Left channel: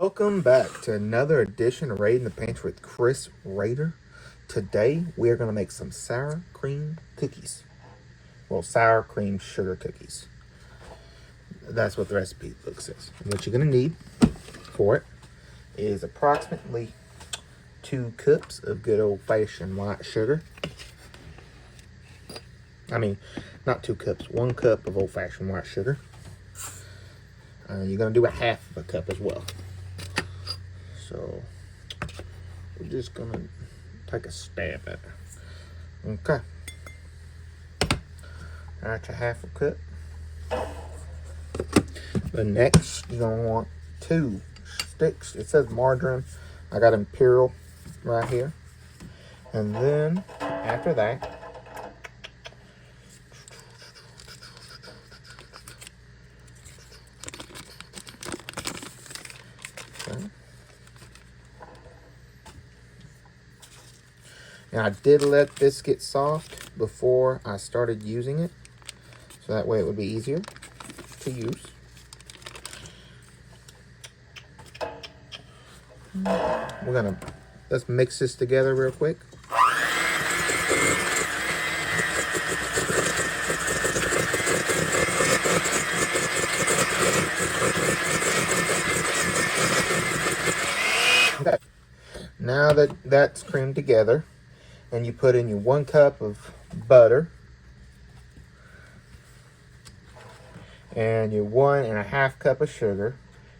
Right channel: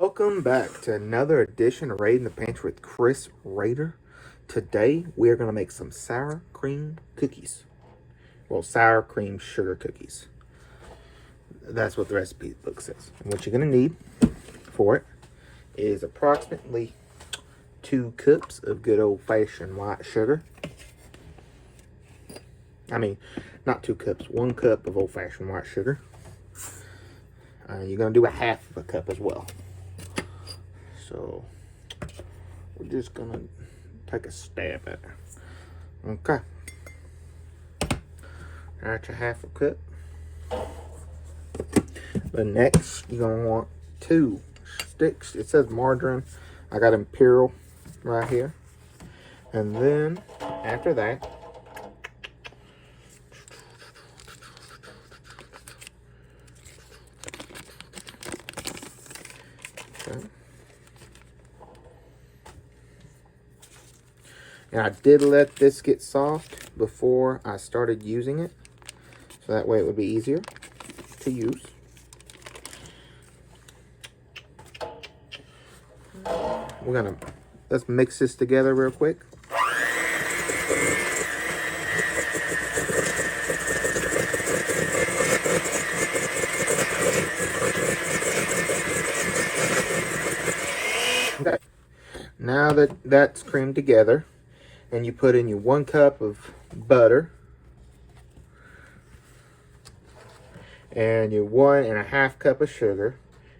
Welcome back to another edition of Raid in the Pantry with Chris Rader. Today we are going to make some sour cream cookies. Well, sour cream sugar cookies. That's what the recipe book says. And what you're going to need for it is approximately 2 cups of good old-fashioned white sugar. I mean, not 2 cups, 1 cup of old-fashioned white sugar. You're going to do a half of a cup as well. So we're just gonna take a stab at it. Okay. That's a half a cup. But next you're gonna want 2 sticks. It says margarine. I got Imperial right here. And then after that, now I did let this get soft before I started using it, so that way it would be easier to use. Let's mix this together real quick. Okay. Now that that's creamed together, and you put in your 1 cup of butter and your 1.5 cup of sugar,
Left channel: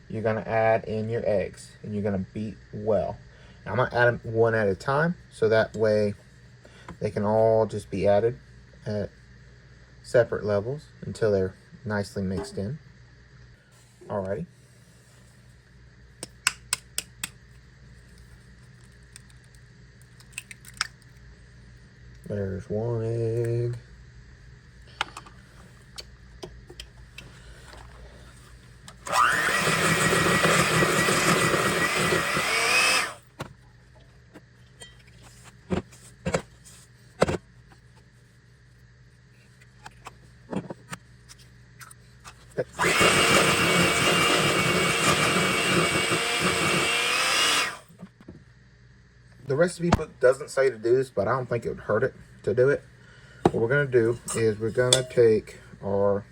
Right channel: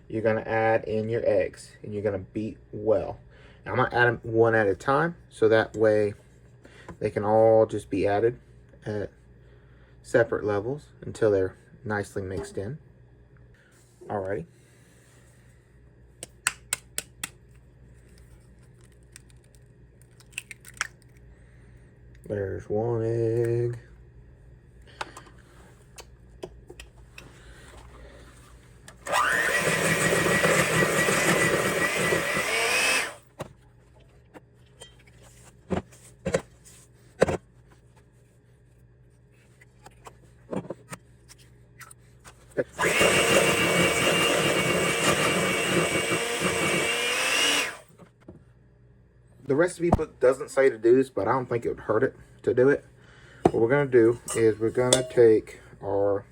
you're gonna add in your eggs and you're gonna beat well. Now, I'm gonna add them one at a time so that way they can all just be added at separate levels until they're nicely mixed in. Alrighty. There's 1 egg. The recipe book doesn't say to do this, but I don't think it would hurt it to do it. What we're going to do is we're going to take our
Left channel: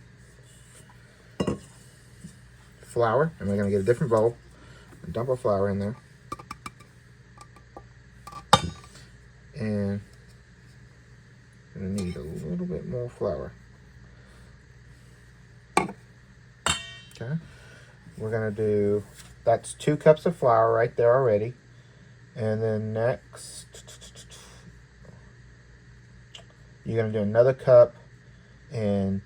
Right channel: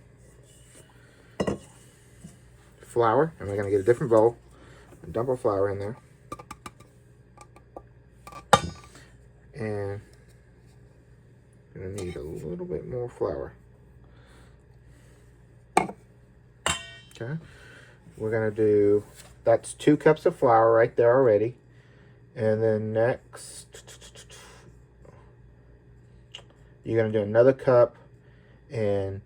flour, and we're going to get a different bowl and dump our flour in there. And we need a little bit more flour. Okay. We're going to do, that's 2 cups of flour right there already. And then next, you're going to do another cup and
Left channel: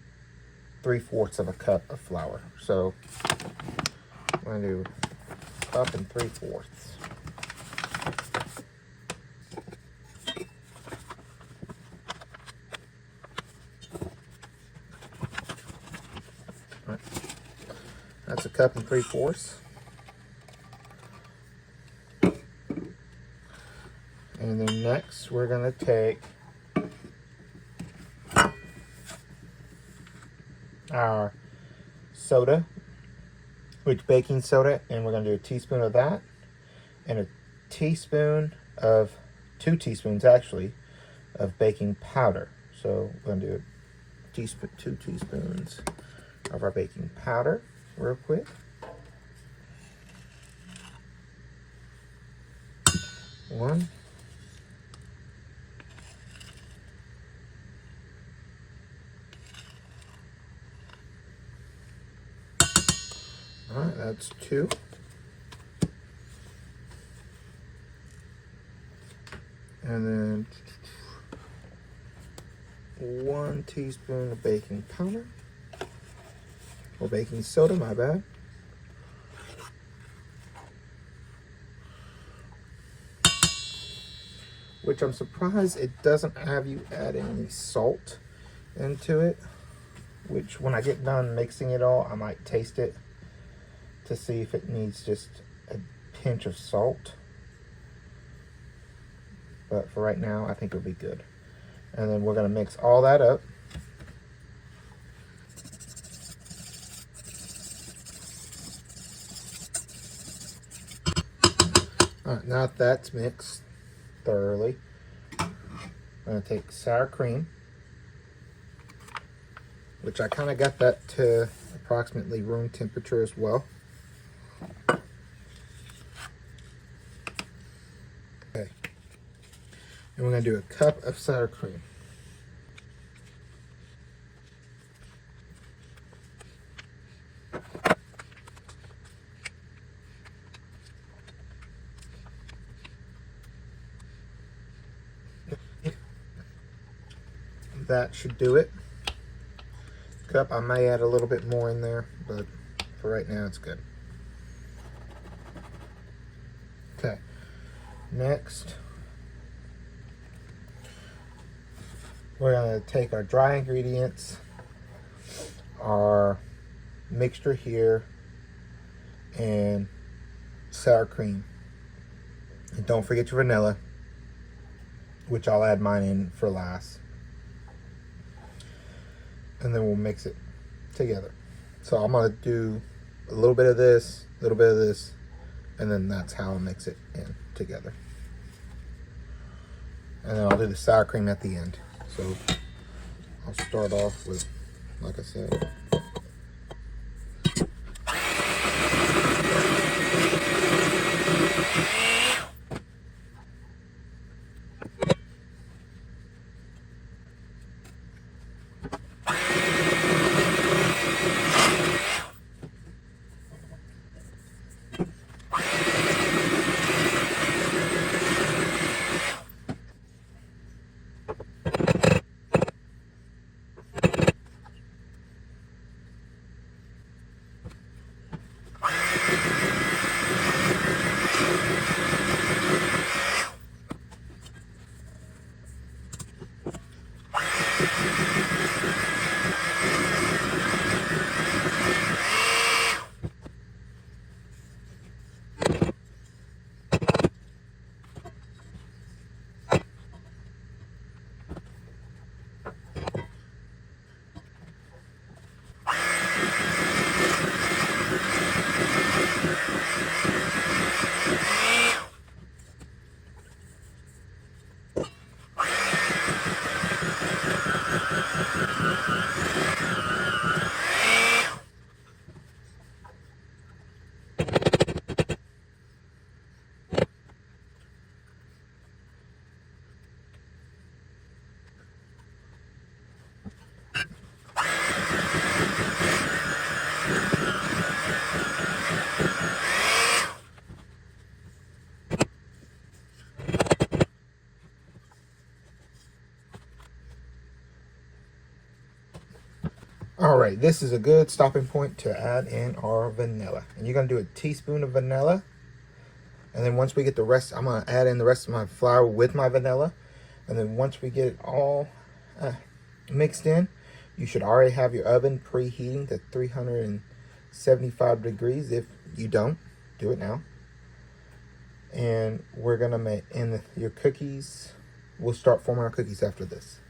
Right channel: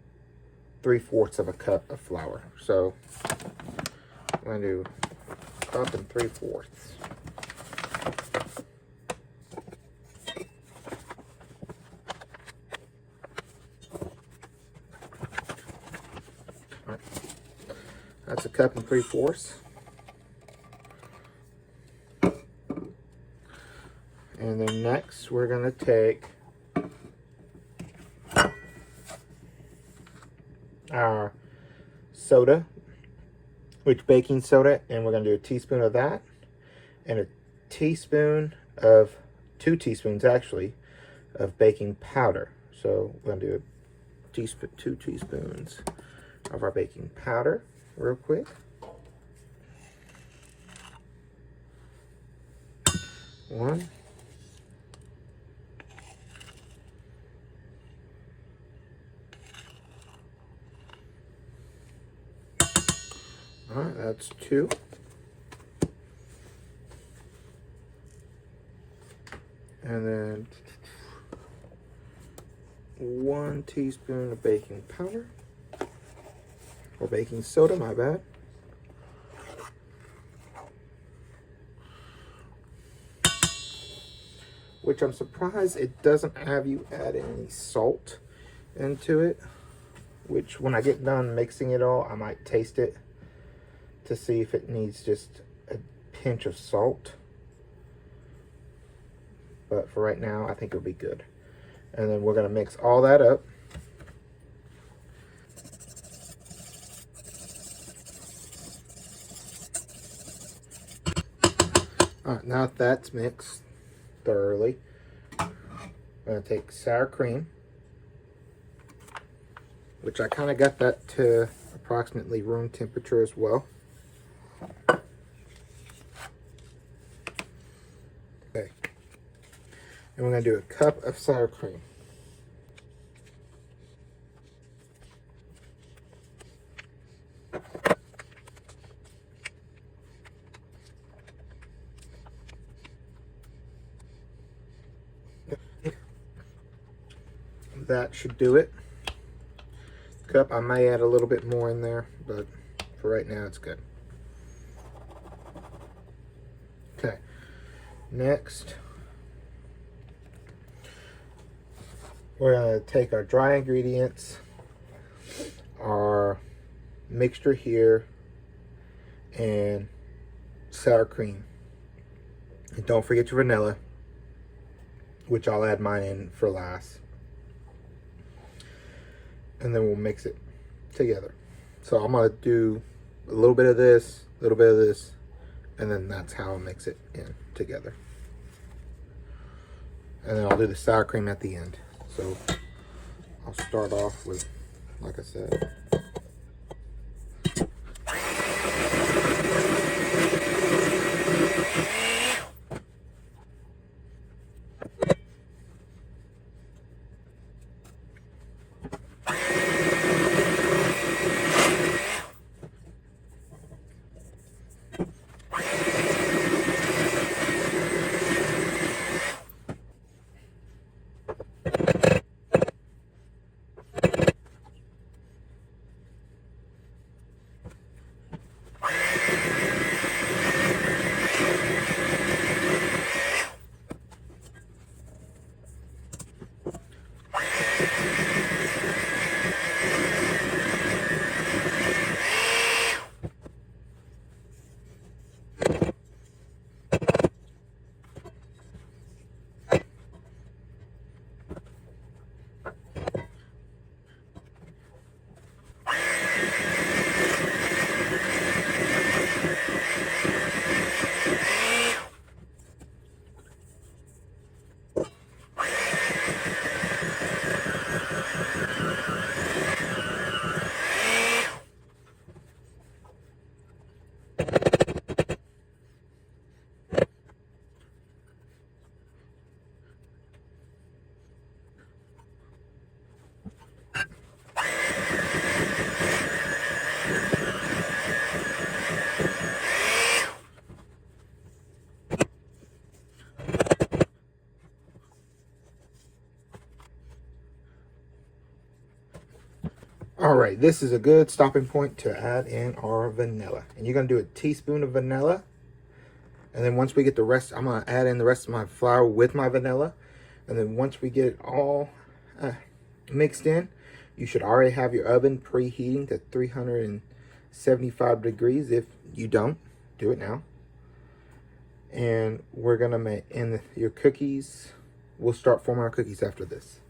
3/4 of a cup of flour. So I'm going to do a cup and 3/4. That's a cup and 3/4. And then next, we're going to take our soda, which baking soda, and we're going to do a teaspoon of that, and a teaspoon of, 2 teaspoons actually, of baking powder. So we're going to do a teaspoon, 2 teaspoons of our baking powder real quick. One. All right, that's 2. And then 1 teaspoon of baking powder, or baking soda, my bad. Which I'm surprised it doesn't have you add any salt into it. Which when I get done mixing it all, I might taste it to see if it needs just a pinch of salt. But for right now, I think it'll be good. And then we're gonna mix all that up. All right, now that that's mixed thoroughly, I'm going to take sour cream, which I kind of got that to approximately room temperature as well. Okay. And we're going to do a cup of sour cream. That should do it. Cup, I may add a little bit more in there, but for right now it's good. Okay, next we're going to take our dry ingredients, our mixture here, and sour cream. And don't forget your vanilla, which I'll add mine in for last. And then we'll mix it together. So I'm going to do a little bit of this, a little bit of this, and then that's how I mix it in together. And then I'll do the sour cream at the end. So I'll start off with, like I said, all right, this is a good stopping point to add in our vanilla. And you're going to do a teaspoon of vanilla. And then once we get the rest, I'm going to add in the rest of my flour with my vanilla. And then once we get it all mixed in, you should already have your oven preheating to 375 degrees. If you don't, do it now. And we're going to make in your cookies. We'll start forming our cookies after this.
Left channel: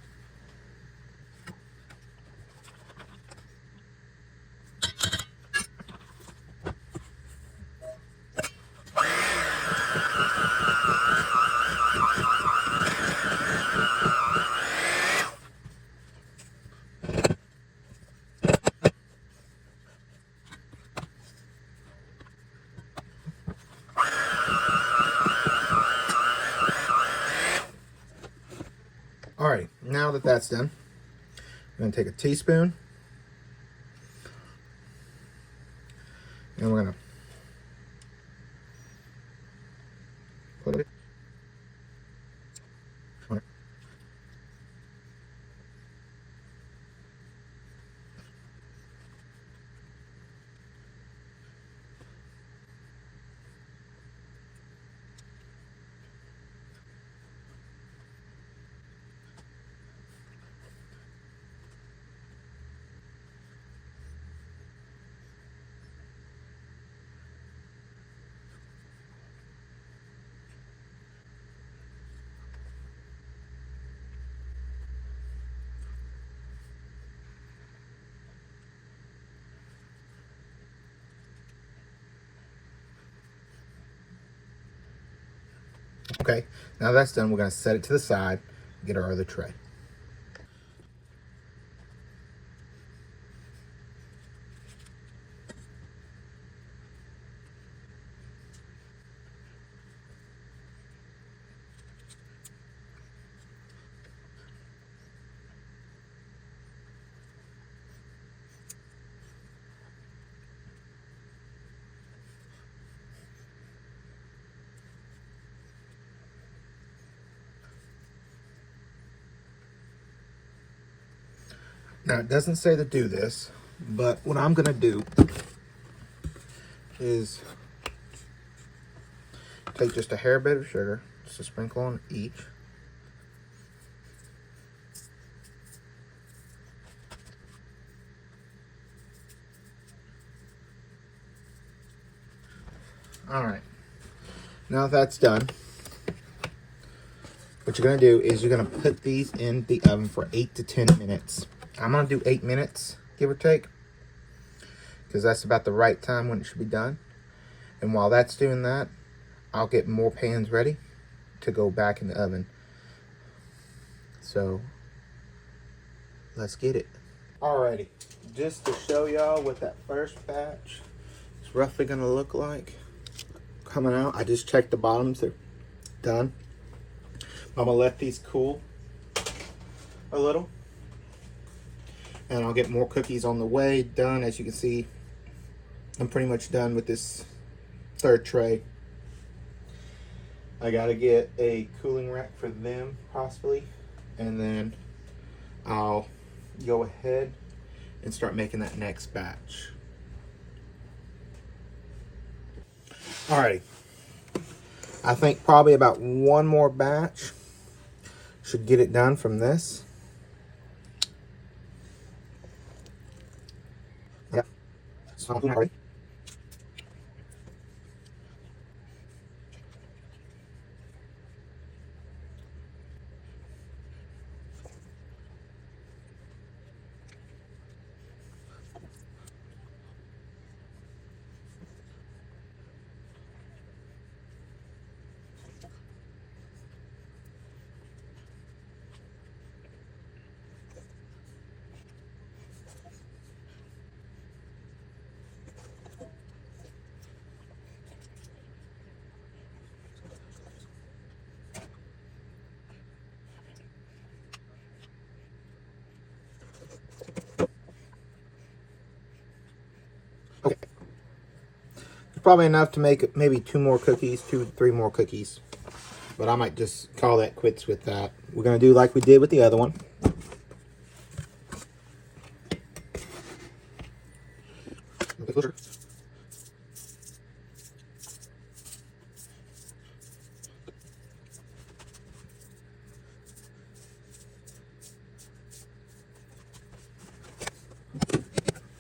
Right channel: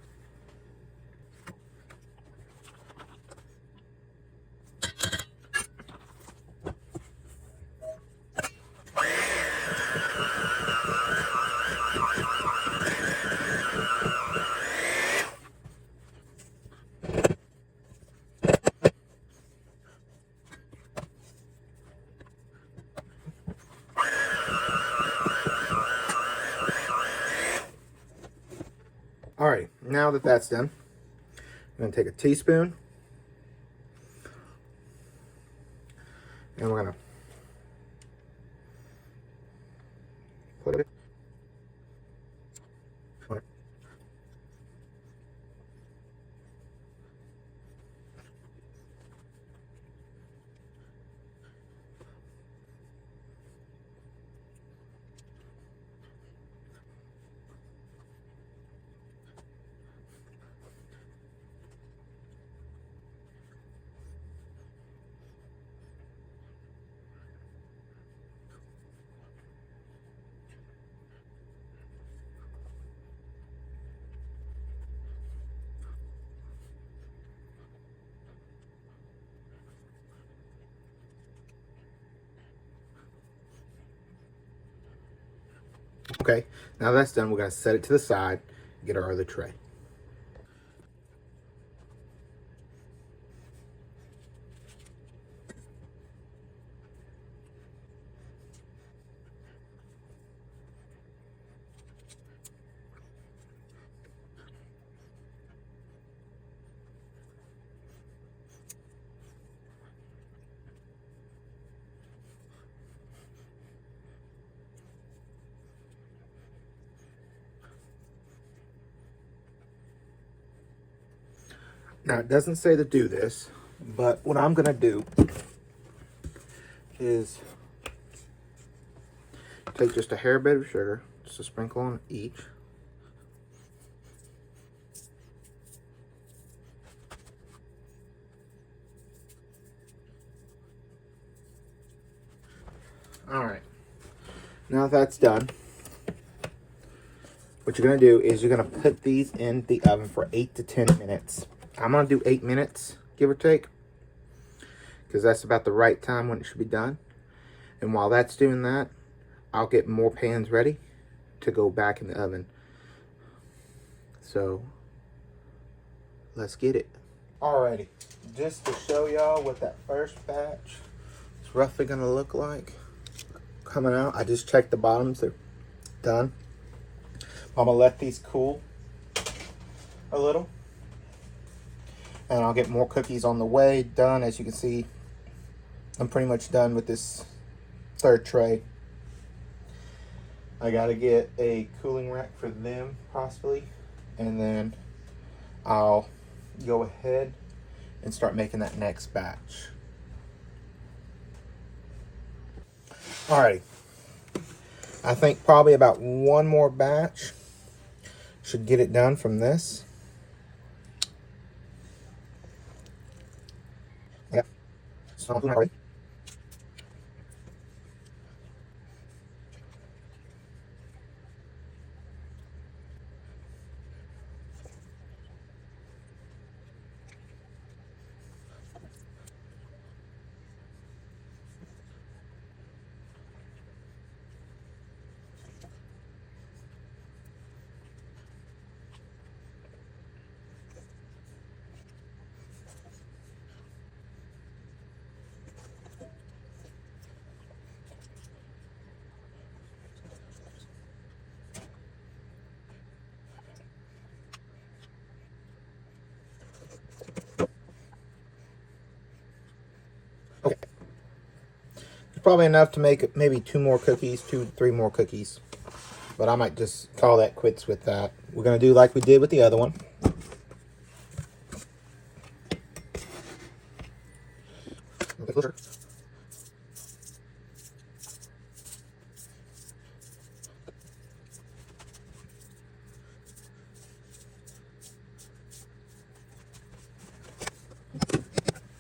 All right, now that that's done, I'm going to take a teaspoon, and we're going to put it. Okay, now that's done, we're going to set it to the side, get our other tray. Now, it doesn't say to do this, but what I'm going to do is take just a hair bit of sugar, just a sprinkle on each. All right, now that's done, what you're going to do is you're going to put these in the oven for 8 to 10 minutes. I'm going to do 8 minutes, give or take, because that's about the right time when it should be done. And while that's doing that, I'll get more pans ready to go back in the oven. So let's get it. Alrighty, just to show y'all what that first batch is roughly gonna look like coming out. I just checked the bottoms, they're done. I'm gonna let these cool a little, and I'll get more cookies on the way. Done. As you can see, I'm pretty much done with this third tray. I gotta get a cooling rack for them possibly, and then I'll go ahead and start making that next batch. Alrighty, I think probably about one more batch should get it done from this. Yeah, so already. Okay, it's probably enough to make maybe 2 more cookies, 3 more cookies. But I might just call that quits with that. We're gonna do like we did with the other one.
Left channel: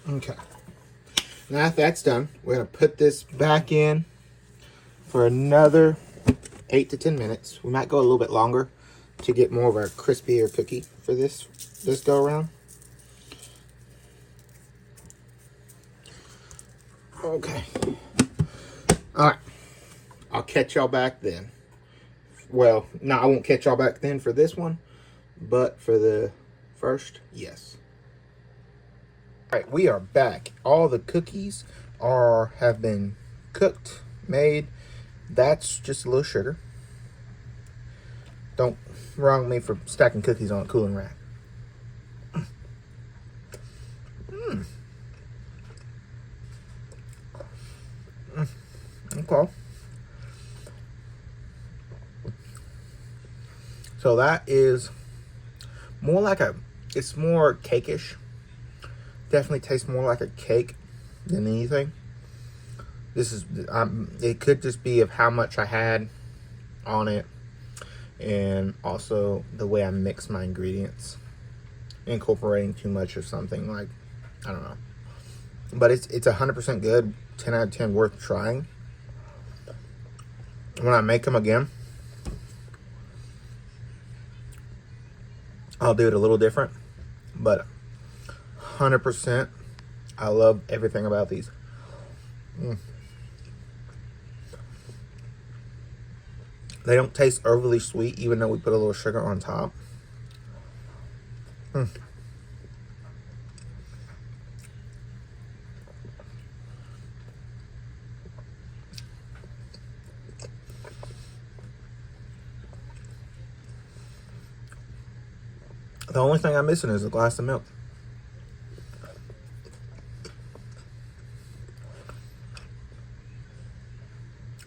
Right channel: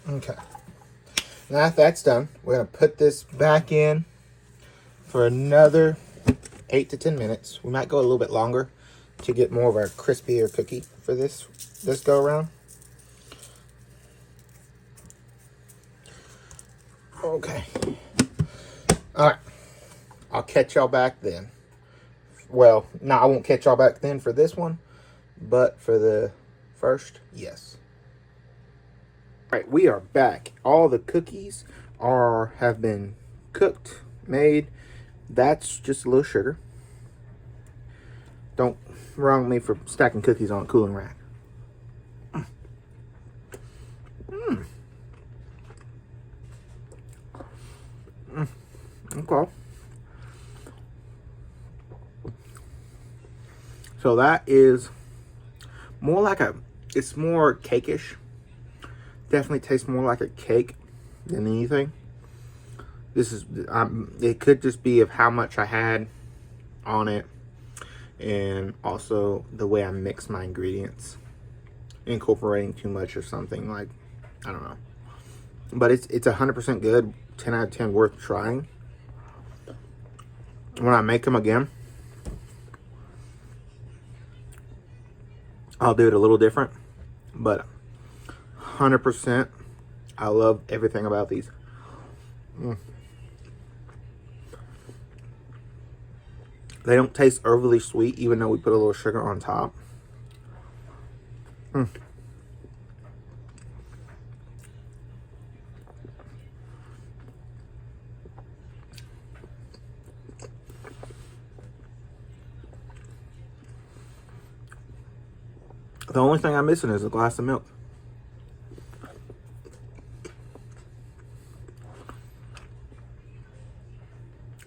Okay. Now that that's done, we're gonna put this back in for another 8 to 10 minutes. We might go a little bit longer to get more of our crispier cookie for this go around. Okay. All right. I'll catch y'all back then. Well, no, I won't catch y'all back then for this one, but for the first, yes. All right, we are back. All the cookies have been cooked, made. That's just a little sugar. Don't wrong me for stacking cookies on a cooling rack. Okay. So that is more like it's more cakeish. Definitely tastes more like a cake than anything. This is, it could just be of how much I had on it, and also the way I mix my ingredients, incorporating too much or something, like, I don't know. But it's 100% good, 10 out of 10 worth trying. When I make them again, I'll do it a little different, but 100%, I love everything about these. They don't taste overly sweet, even though we put a little sugar on top. The only thing I'm missing is a glass of milk.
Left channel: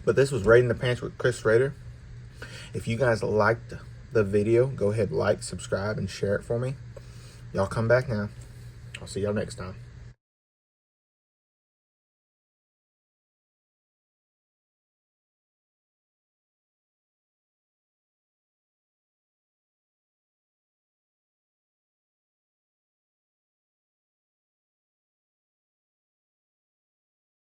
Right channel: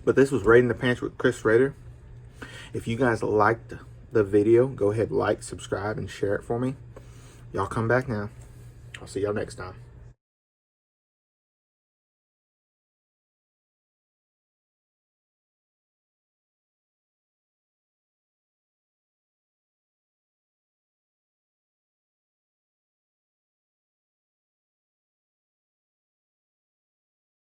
But this was Raiding the Pantry with Chris Rader. If you guys liked the video, go ahead, like, subscribe, and share it for me. Y'all come back now. I'll see y'all next time.